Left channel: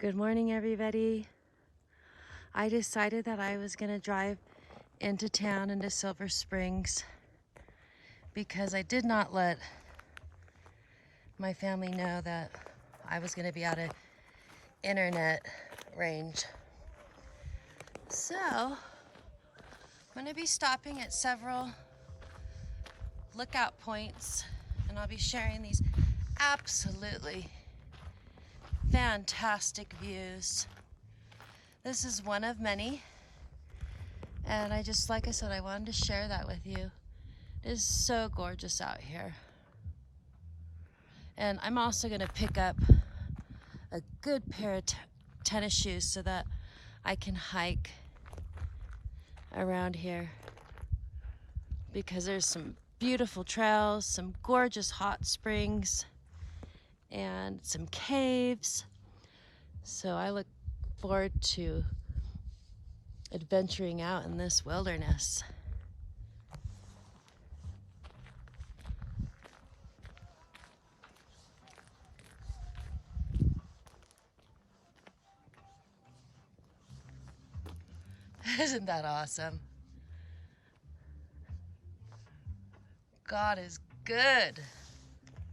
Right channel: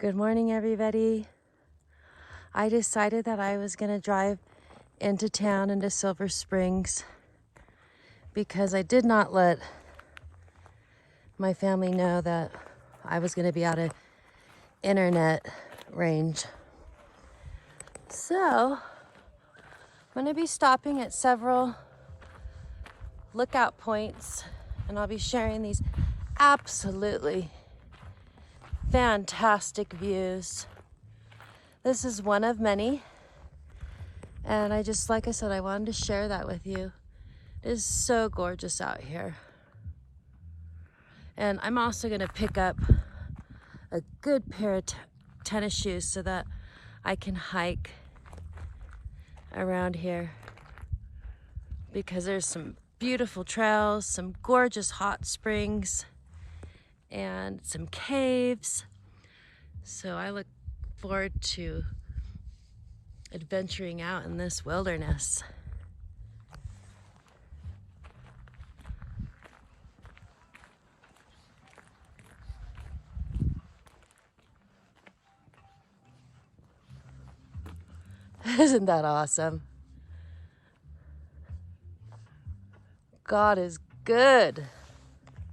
Good morning, everybody. I decided that I was gonna drive into town, into Silver Springs, because I did not let my family know that I was gonna be out of internet range. So, I'm gonna be stopping at several lookout points, and I'll be sharing these absolutely fantastic views. This is one of many, and like I said, I wanted to share that with you. It is so gorgeous out here. And I'm also gonna pick up a good pair of tennis shoes so that I can hike around here, because there's some beautiful trails, some gorgeous hot springs, and some caves. So I look forward to adventuring out in this wilderness. Isn't that awesome? God is good.